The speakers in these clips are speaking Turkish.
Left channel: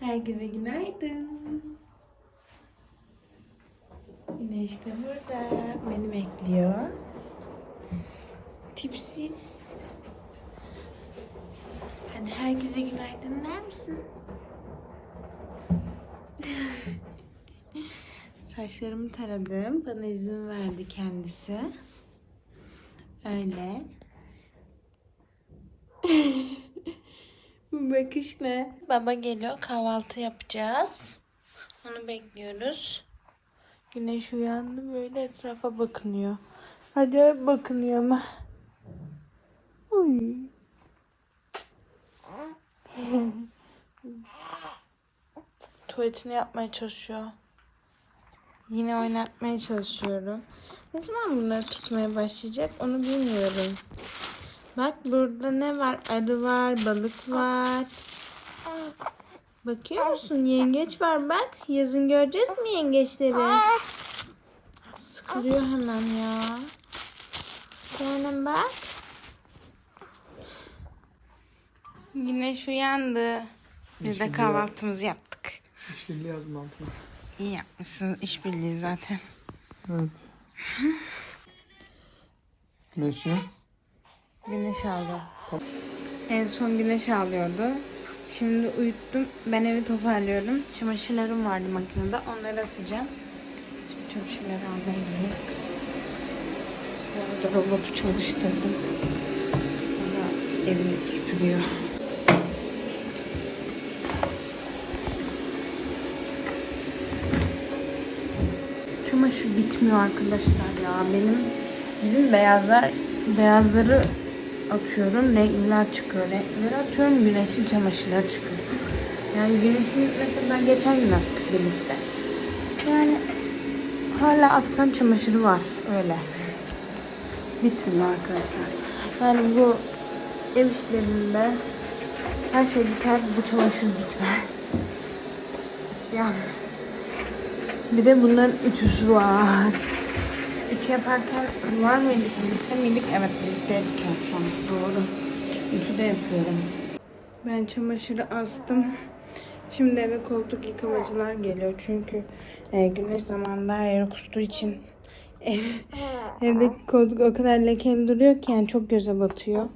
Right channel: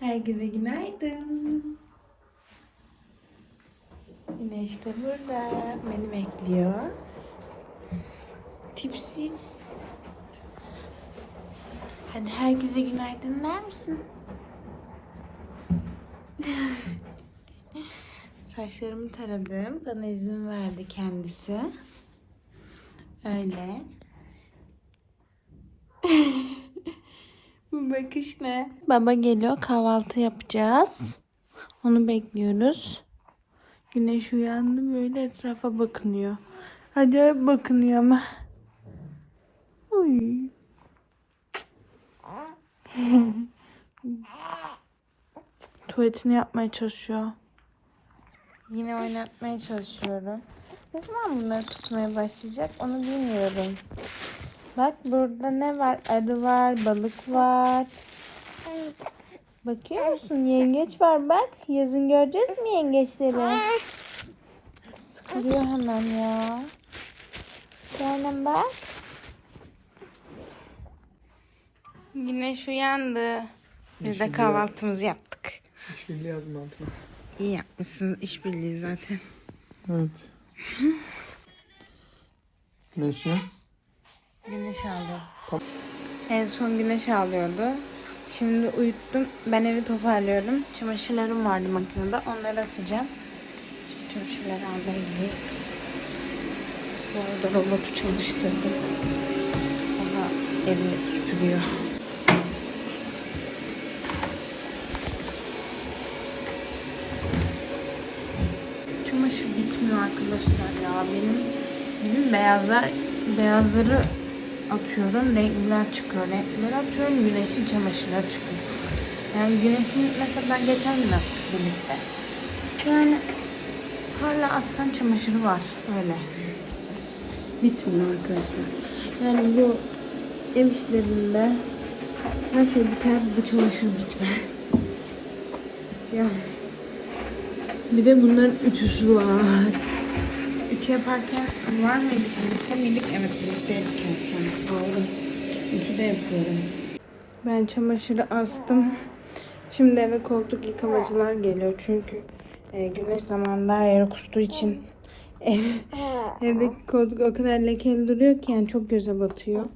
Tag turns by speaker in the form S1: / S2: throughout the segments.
S1: Herkese günaydın. Güneş de burada. Beni bekliyor. Tipsiz. Hadi herkese günaydın der misin? Saçlarımı taradım. Bana izin verdi kendisi. Öyle. Bu bakış ne? Baba geliyor kahvaltı yapacağız. Onu bekliyoruz. Güneş uyandı böyle etrafa bakınıyor. Acayip bakınıyor ama. Ay. Tuvaletini yapmaya çalışıyor. Yine oynatmaya çalışıyorum. Ne zaman bunları tutmaya başlayacak onu bilmiyorum. Bak burada ne var? Arı var, balık var. Bakıyor musun? Yengeç var bak. Yazın göreceğiz mi yengeçleri? Sıkılıyor hemen ya. Canım bak. Güneş uyandı. Biz de kahvaltımızı yaptık.
S2: İşbirliği yazın altına.
S1: İyi yapmışsın. işbirliği zaten.
S2: Evet. Güneşi.
S1: Güneş aldı. En son güneş ağlıyordu. Şimdi uyuttum. Ben evi toparlıyorum. Çamaşırlarım vardı makinede. Onları asacağım. Şimdi çamaşırları almaya gideyim. Bu arada robotu çalıştırdım. O da evi süpürüyor. Çamaşır bitmiyor arkadaşlar ya. Benim bizim beyazlar beyazları atıyorum. Renkliler çıkıyor. Renklileri atıyorum. Güneşin çamaşırları çıkıyor. Yani güneşin mesela ben geçen gün astık birlikte. Yani hala atsan çamaşırı var. Öyle. Bitmiyor arkadaşlar. Yani bu ev işlerinde her şey biter. Bu çamaşır bitmez. İsyan. Bir de bunların ütüsü var. Ütü yaparken var mıydı? Birlikte miydik? Evet birlikte son. Doğru. Ütü de yapıyorum. Ben çamaşırı astım. Şimdi eve koltuk yıkamacılar geliyor. Çünkü e, güneş zamanında her yere kustuğu için ev, evdeki koltuk o kadar lekeli duruyor ki yani çok göze batıyor.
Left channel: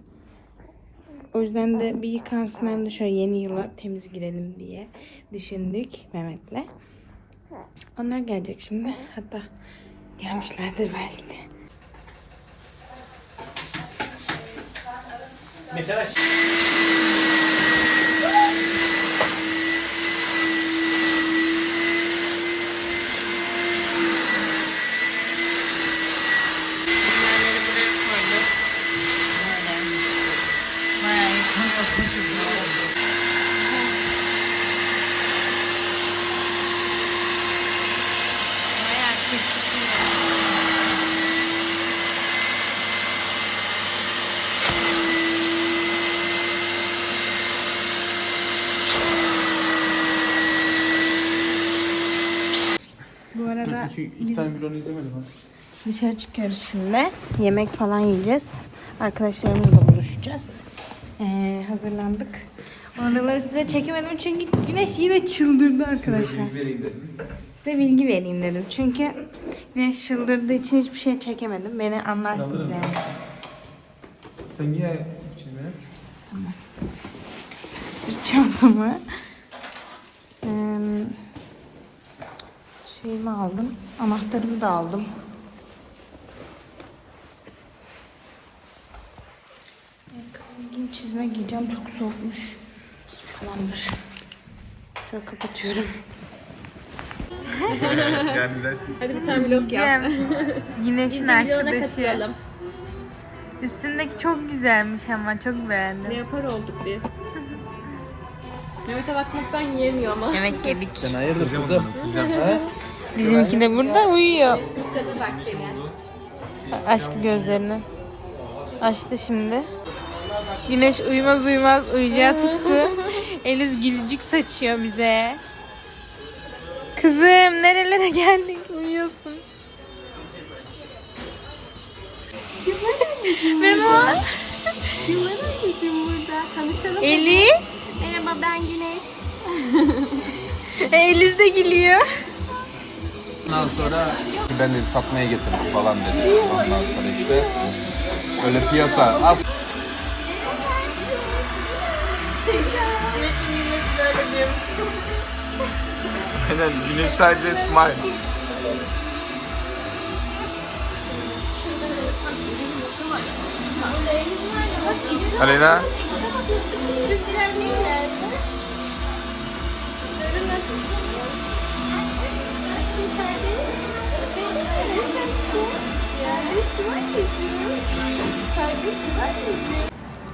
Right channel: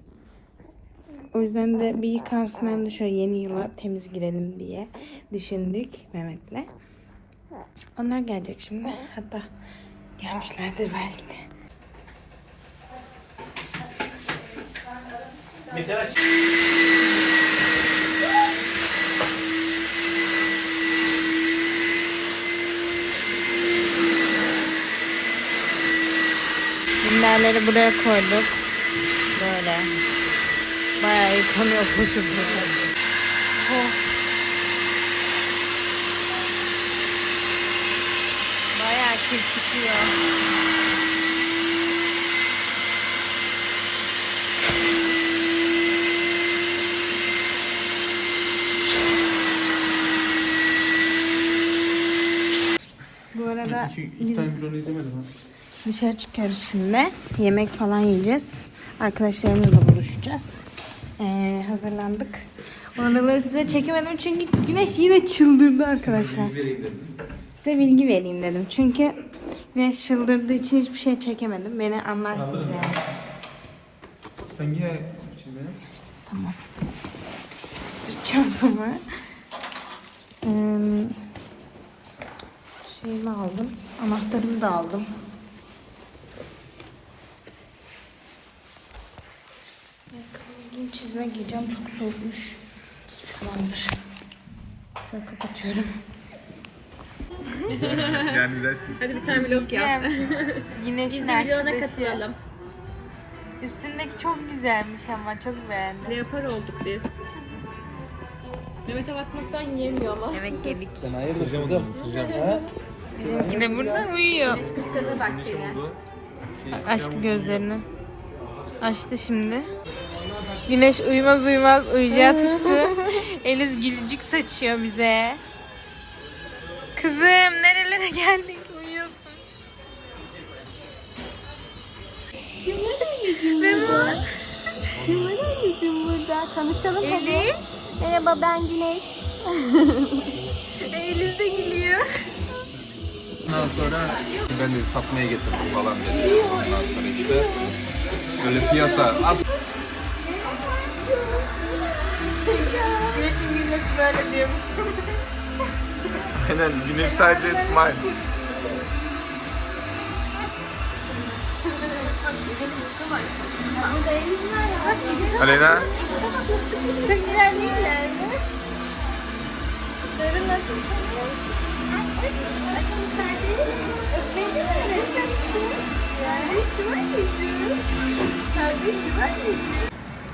S1: O yüzden de bir yıkansın hem de şöyle yeni yıla temiz girelim diye düşündük Mehmet'le. Onlar gelecek şimdi. Hatta gelmişlerdir belki de. Bunlarları buraya koyduk. Böyle. Bayağı yıkanıyor koşup. Bayağı çıkıyor. Bu arada
S2: İki, iki
S1: biz dışarı çıkıyoruz şimdi. Yemek falan yiyeceğiz. Arkadaşlarımızla buluşacağız. Ee, hazırlandık. Oraları size çekemedim çünkü güneş yine çıldırdı arkadaşlar. Size bilgi vereyim dedim. Çünkü güneş çıldırdığı için hiçbir şey çekemedim. Beni anlarsınız yani.
S2: Sen niye çizmeye?
S1: Sırt çantamı. Ee, şeyimi aldım. Anahtarımı da aldım. Ayakkabımı çizme giyeceğim. Çok soğukmuş. Tamamdır. Şöyle kapatıyorum.
S3: Hadi bir tane vlog yap.
S1: Güneşin
S3: Biz
S1: arkadaşı.
S3: katılalım.
S1: Üstündeki çok güzelmiş ama çok beğendim.
S3: Leopar olduk biz. Mehmet'e bakmaktan yiyemiyor ama.
S1: Yemek yedik.
S2: Hayırdır kızım?
S1: Bizimki de burada uyuyor.
S3: Dikkate bak seni.
S1: Açtı gözlerini. Açtı şimdi. Güneş uyumaz uyumaz uyuyacağı tuttu. Eliz gülücük saçıyor bize. Kızım nerelere geldik uyuyorsun. Memo.
S4: Kim var anneciğim burada? Tanışalım.
S1: Eliz.
S4: Merhaba ben Güneş.
S1: Eliz de gülüyor.
S4: Ondan sonra ben de satmaya getirdim falan dedi. Ondan sonra işte öyle piyasa az
S1: Güneşin gülmesi böyle diyormuş.
S2: Aynen güneş sadece smile. Alena.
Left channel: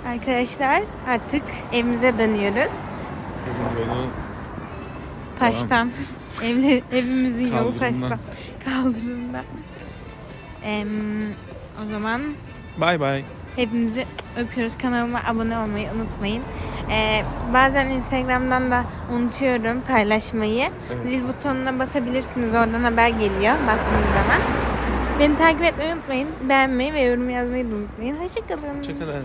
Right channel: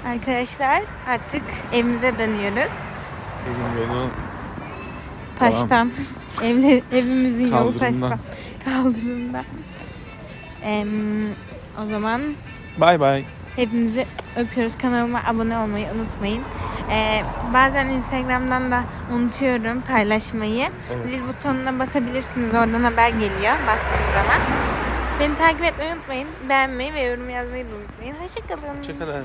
S1: Arkadaşlar artık evimize dönüyoruz.
S2: Evin yolu
S1: Taştan. Evle, evimizin yolu taştan. Kaldırımda. Em, o zaman
S2: Bay bay.
S1: hepinizi öpüyoruz. Kanalıma abone olmayı unutmayın. Ee, bazen Instagram'dan da unutuyorum paylaşmayı.
S2: Evet.
S1: Zil butonuna basabilirsiniz. Oradan haber geliyor bastığınız zaman. Beni takip etmeyi unutmayın. Beğenmeyi ve yorum yazmayı da unutmayın. Hoşçakalın.
S2: Hoşçakalın.